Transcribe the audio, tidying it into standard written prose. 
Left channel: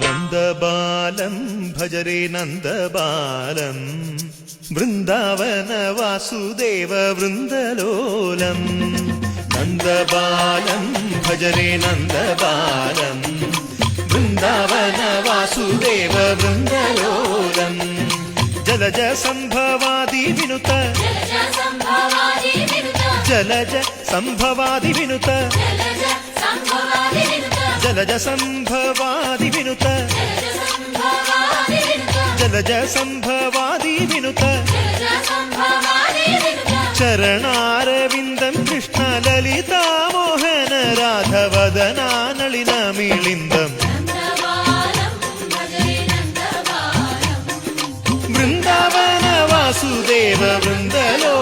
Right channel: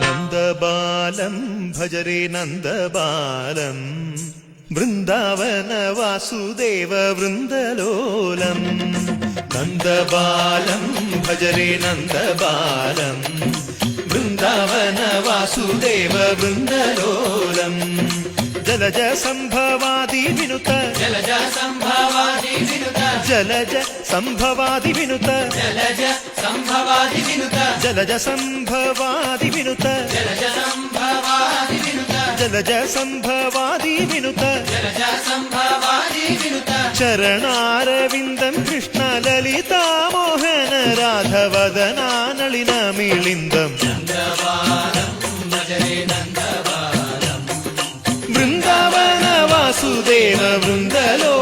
നന്ദബാലം ഭജരേ നന്ദബാലം Vrindavana Vasudeva വൃന്ദലോലം. നന്ദബാലം ഭജരേ നന്ദബാലം Vrindavana Vasudeva വൃന്ദലോലം. Jalaja സംഭവാദി വിനുത Jalaja സംഭവാദി വിനുത Jalaja സംഭവാദി വിനുത Jalaja സംഭവാദി വിനുത ചരണാരവിന്ദം Krishna Lalita Mohana രാധവദനാനളിന മിളിന്ദം. Vrindavana Vasudeva വൃന്ദലോ